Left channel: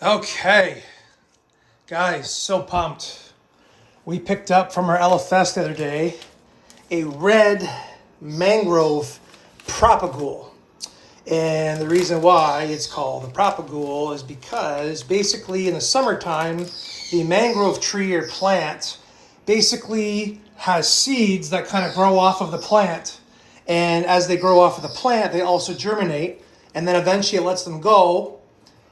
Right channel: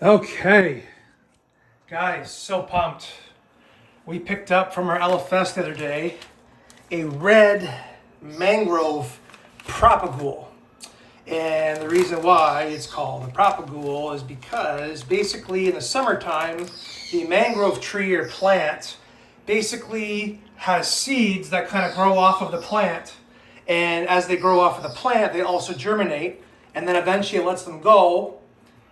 Okay, guys, so pumped. We picked up from our LFS the other day a red mangrove propagule. And the reason why it's called the propagule is because basically in the summertime, the mangrove tree or plant basically has seeds that kind of grow off of the plant. And as they grow off of the plant, they also germinate. And then eventually it lets them go.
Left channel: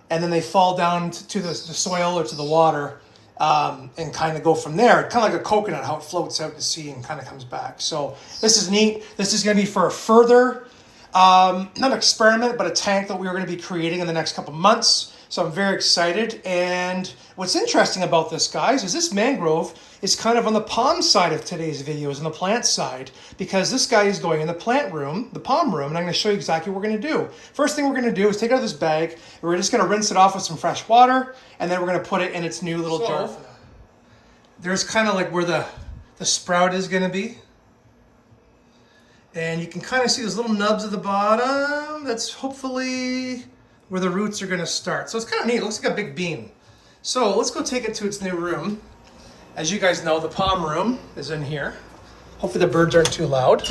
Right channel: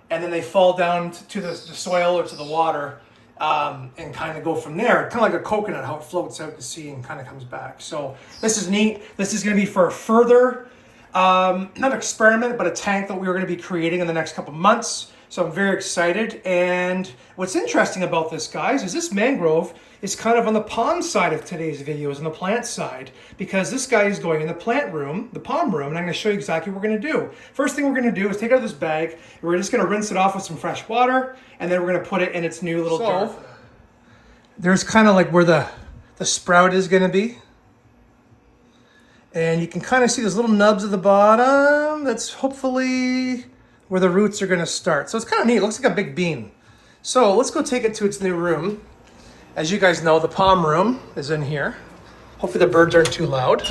And then they fall down to the soil or to the water and kind of go from there. Kind of like a coconut, how it floats out to sea and kind of comes back. So this is neat. This is going to be for a further, not experiment, but a tank that we are going to be creating in the next couple months. So I'm very excited. And what's interesting about this, guys, is this mangrove is kind of on the palm side of today's videos, on the plant side, because this guy is going in the plant room, the palm room, and I'm going to show you exactly what we're going to do. First thing we're going to do is take out this bag, and we're just going to rinse it off with some fresh water, and then we're going to put it in its new little jar. There's kind of like where the sprout is going to be. And you can kind of see those little nubs at the bottom. That's hopefully where the roots are going to start. So it's kind of neat. It looks like a big bean. So let's go take it to its new room. As you guys know, the palm room is in here. Hopefully the birds aren't too loud.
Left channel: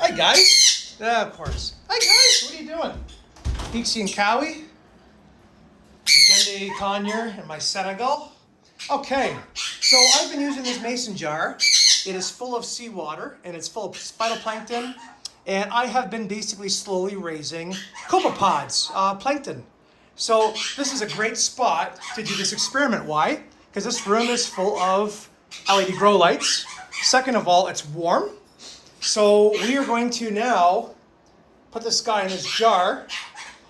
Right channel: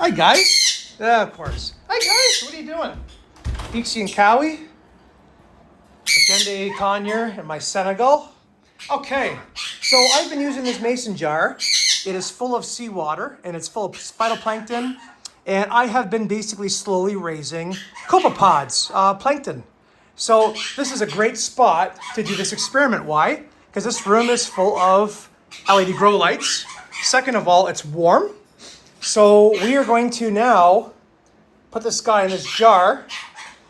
Hi, guys. Yeah, of course. Hi, guys. What are you doing? Dixie and Cowie. Agenda Conyer and my Senegal. Okay, so I've been using this mason jar. It is full of seawater and it's full of phytoplankton. And I have been basically slowly raising copepods, plankton. So this is a great spot to do this experiment. Why? Because this room is full of LED grow lights. Second of all, it's warm. So we are going to now put this guy in this jar,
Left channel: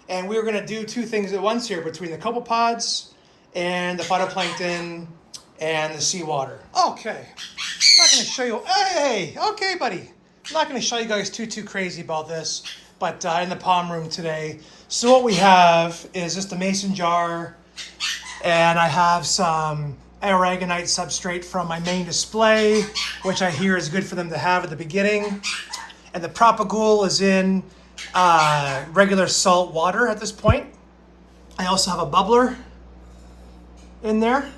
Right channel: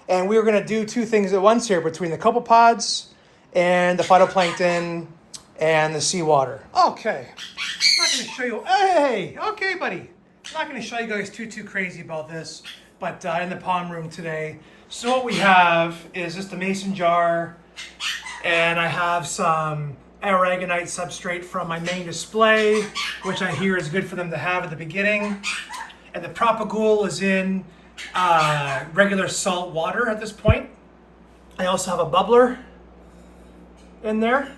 and we are going to do two things at once here between the copepods and the phytoplankton and the seawater. Okay, I'm not going to show you. Hey, okay, buddy. I'm not going to show you guys too crazy about this, but in the palm room today. So what we have is just a mason jar, and I have some aragonite substrate from my main display, which I hear is good for them to have at the beginning. And the propagule is in regular salt water at this point. I also have a bubbler in there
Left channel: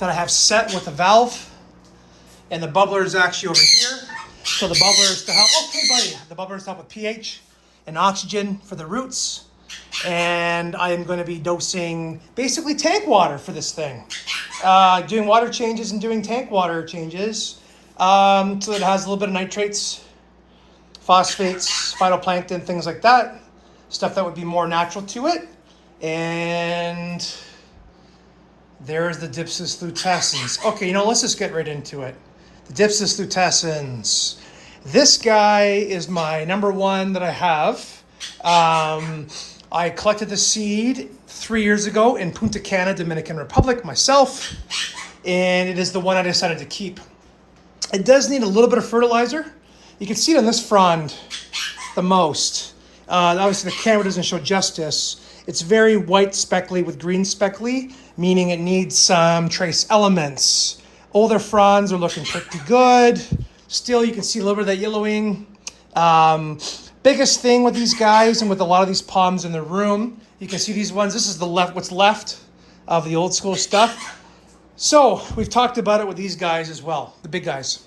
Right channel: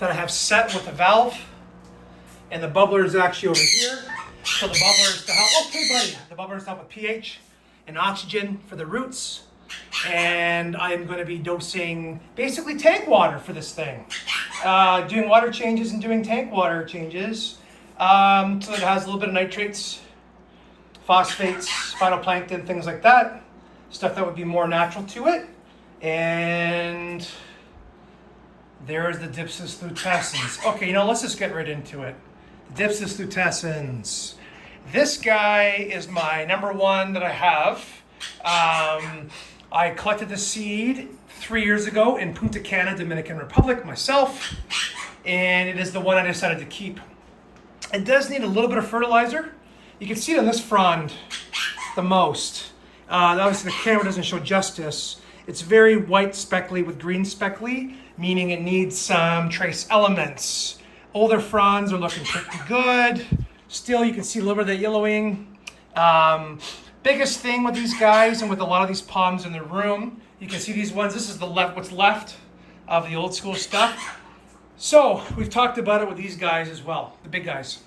that I have set with a valve. And the bubbler is actually over here. So the bubbler is to help, okay buddy, the bubbler is to help with pH and oxygen for the roots. And I am going to be dosing basically tank water for this thing. Doing water changes and doing tank water changes. So it has a little bit of nitrates, phosphates, phytoplankton, things like that. Stuff that would be more natural to it. And there's the dypsis lutescens. Okay, let's just get right into it. The dypsis lutescens. This guy is my number one that I have. I collected the seed 3 years ago in Punta Cana, Dominican Republic, myself, and it is the one I decided to keep. It does need a little bit of fertilizer. You can see it on this frond the most. Obviously the camera doesn't show justice. It's very white speckly with green speckly, meaning it needs some trace elements. Older fronds are looking pretty good. Still, you can see a little bit of that yellowing. Biggest thing with these guys and with a lot of these palms in the room, you can see these ones. This is what's left of the old school stuff. So we've talked about it with these guys as well, the big guys,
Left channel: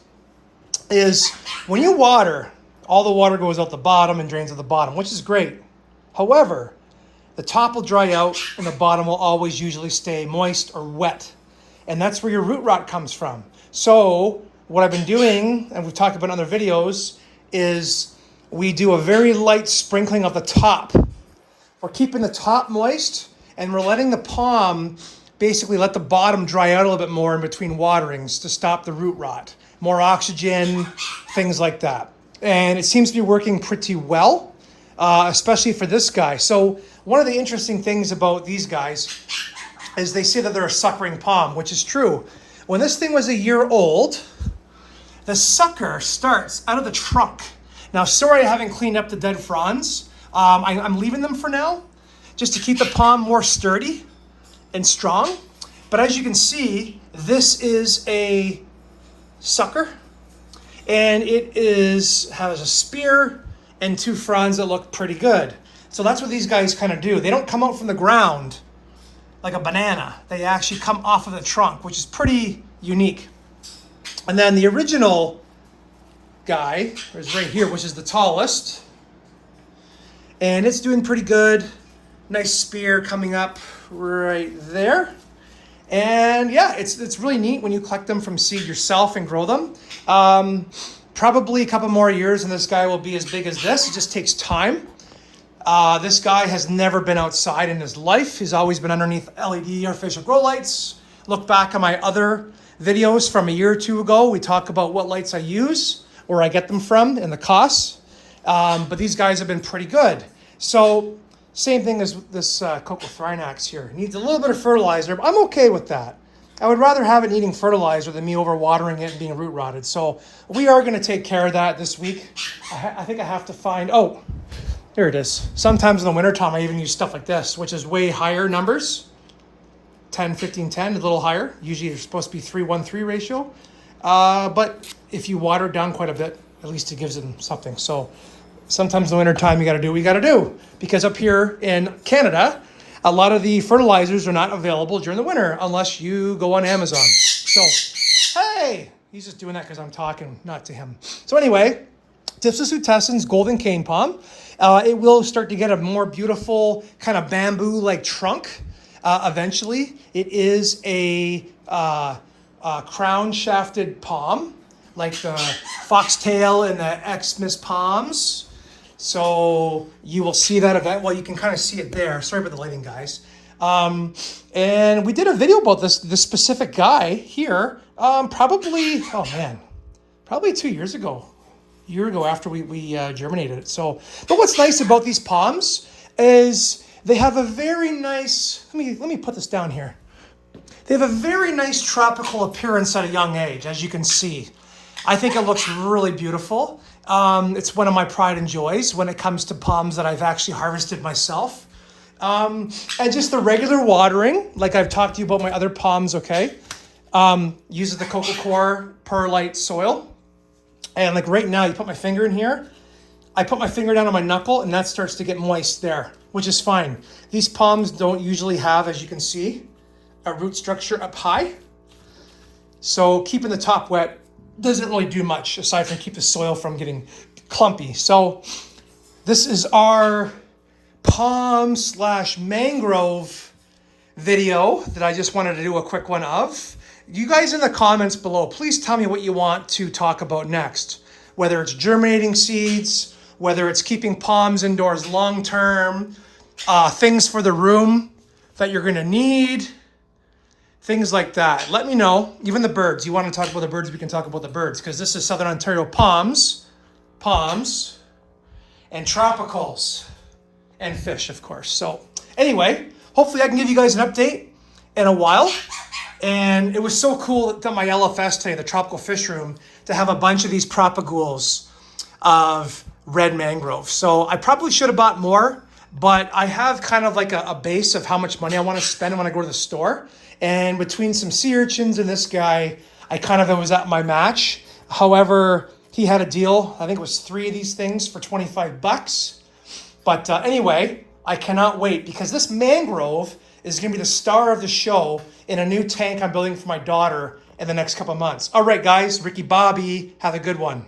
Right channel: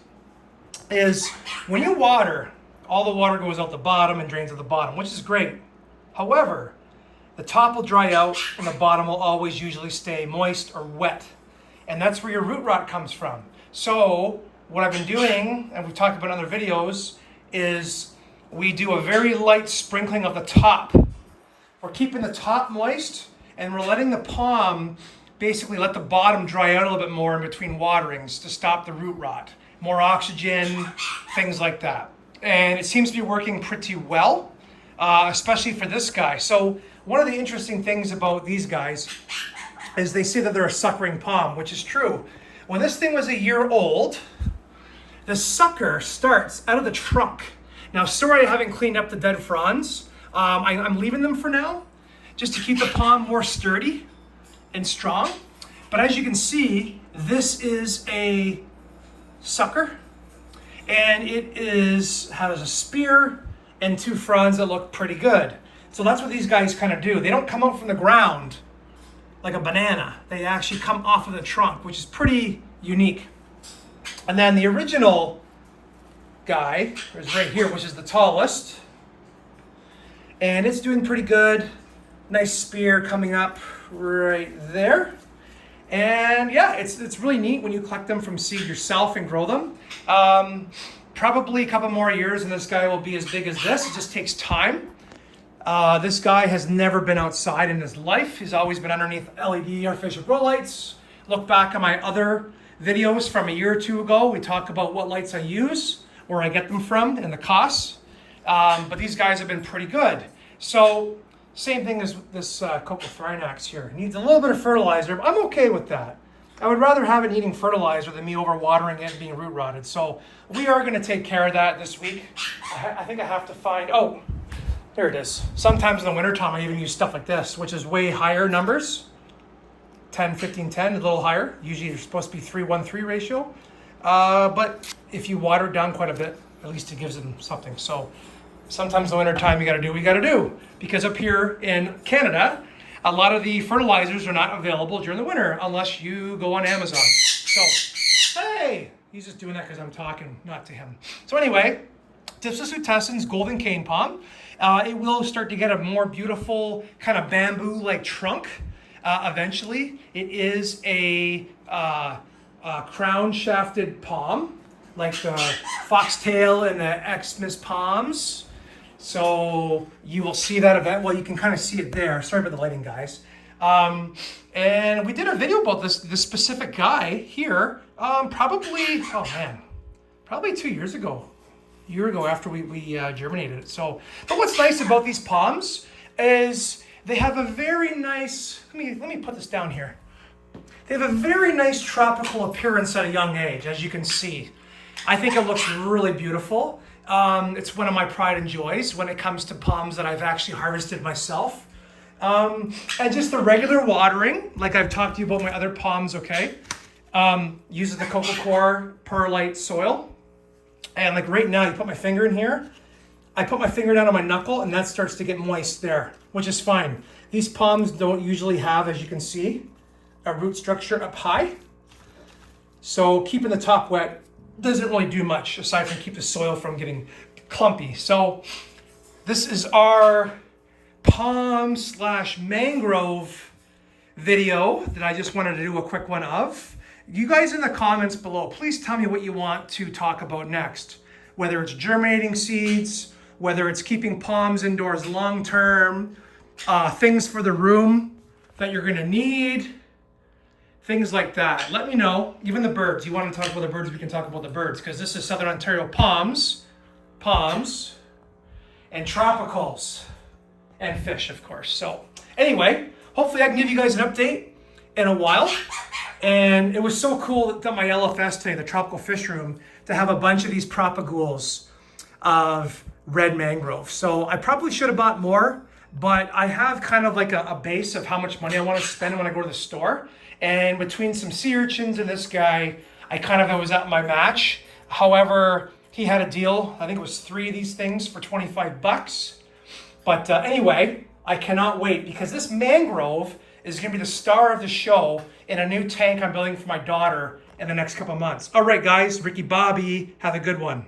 is when you water, all the water goes out the bottom and drains at the bottom, which is great. However, the top will dry out and the bottom will always usually stay moist or wet. And that's where your root rot comes from. So what I've been doing, and we've talked about in other videos, is we do a very light sprinkling of the top. We're keeping the top moist, and we're letting the palm basically let the bottom dry out a little bit more in between waterings to stop the root rot. More oxygen, things like that. And it seems to be working pretty well, especially for this guy. So one of the interesting things about these guys is they say that they're a suckering palm, which is true. When this thing was a year old, the sucker starts out of the trunk. Now, sorry I haven't cleaned up the dead fronds. I'm leaving them for now, just to keep the palm more sturdy and strong. But as you can see, this is a sucker, and it has a spear and two fronds that look pretty good. So that's what these guys kind of do. They don't come out from the ground like a banana. They actually come off of the trunk, which is pretty unique. And then the original guy is right here, which is the tallest. And it's doing pretty good. Nice spear coming up right there. And yeah, it's really neat when you collect them from seed yourself and grow them. Probably a couple more years and this guy will be as big as this. It just takes time. This guy has never been outside in his life. He's always been underneath LED artificial grow lights. Look back at my other videos from a year or two ago. We talk about what lights I use, where I get them from, and the costs. But these guys have been pretty good. So same thing as this Coccothrinax here. It needs a little bit of fertilizer, but I'm okay with that. I would rather have it needing fertilizer than me overwatering it and being root rotted. So we are going to take care of that this week. I think I have to find, oh, here it is. Sometimes in the wintertime I even use stuff like this, which is way higher numbers. 10, 15, 10, a little higher. Usually they're supposed to be 3-1-3 ratio. But if you water it down quite a bit, at least it gives them something. So sometimes in the wintertime you got to do what you got to do. Because up here in Canada, a lot of the fertilizers are not available during the winter unless you go on Amazon. So, hey, he's just doing that because I'm talking, not to him. So anyway, dypsis lutescens golden cane palm. It will start to get a more beautiful kind of bamboo-like trunk eventually. It is a crown-shafted palm, like the foxtail and the Xmas palms. So you will see that event. Well, you can kind of see it there. Sorry about the lighting, guys. And we did a video about this specific guy here, probably 2 years ago. A year ago after we germinated it. So, but what's nice about these palms is they have a very nice, let me put this down here. They have a very nice tropical appearance at a young age, as you can see. I think it looks really beautiful. It's one of my pride and joys when it comes to palms that I've actually harvested myself. And just the regular watering, like I've talked to you about my other palms, okay? Uses the Coco Coir perlite soil. And like right now, you put my finger in here, I put my finger down on my knuckle and that starts to get moist there, which is fine. These palms don't usually have, as you can see, a root structure up high. So keeping the top wet doesn't really do much aside from keep the soil from getting clumpy. So this is our palm/mangrove video that I just wanted to do a quick one of. You guys in the comments below, please tell me what you want to talk about next. Whether it's germinating seeds, whether it's keeping palms indoors long term, things for the room that you're gonna need, things like that. Let me know. Even the birds. You want to talk about the birds, we can talk about the birds, because this is Southern Ontario palms, and tropicals, and fish, of course. So anyway, hopefully I can give you guys an update in a while. And it was so cool at my LFS today, the Tropical Fish Room, to have a bunch of these propagules of red mangrove. So I probably should have bought more, but I have kind of like a base of how much money I want to spend when I go to the store. And between some sea urchins and this guy, I kind of was at my match. However, he had a deal. I think it was 3 of these things for 25 bucks. But anyway, I cannot wait because this mangrove is going to be the star of the show in a new tank I'm building for my daughter in the next couple of months. All right, guys, Ricky Bobby, have a good one.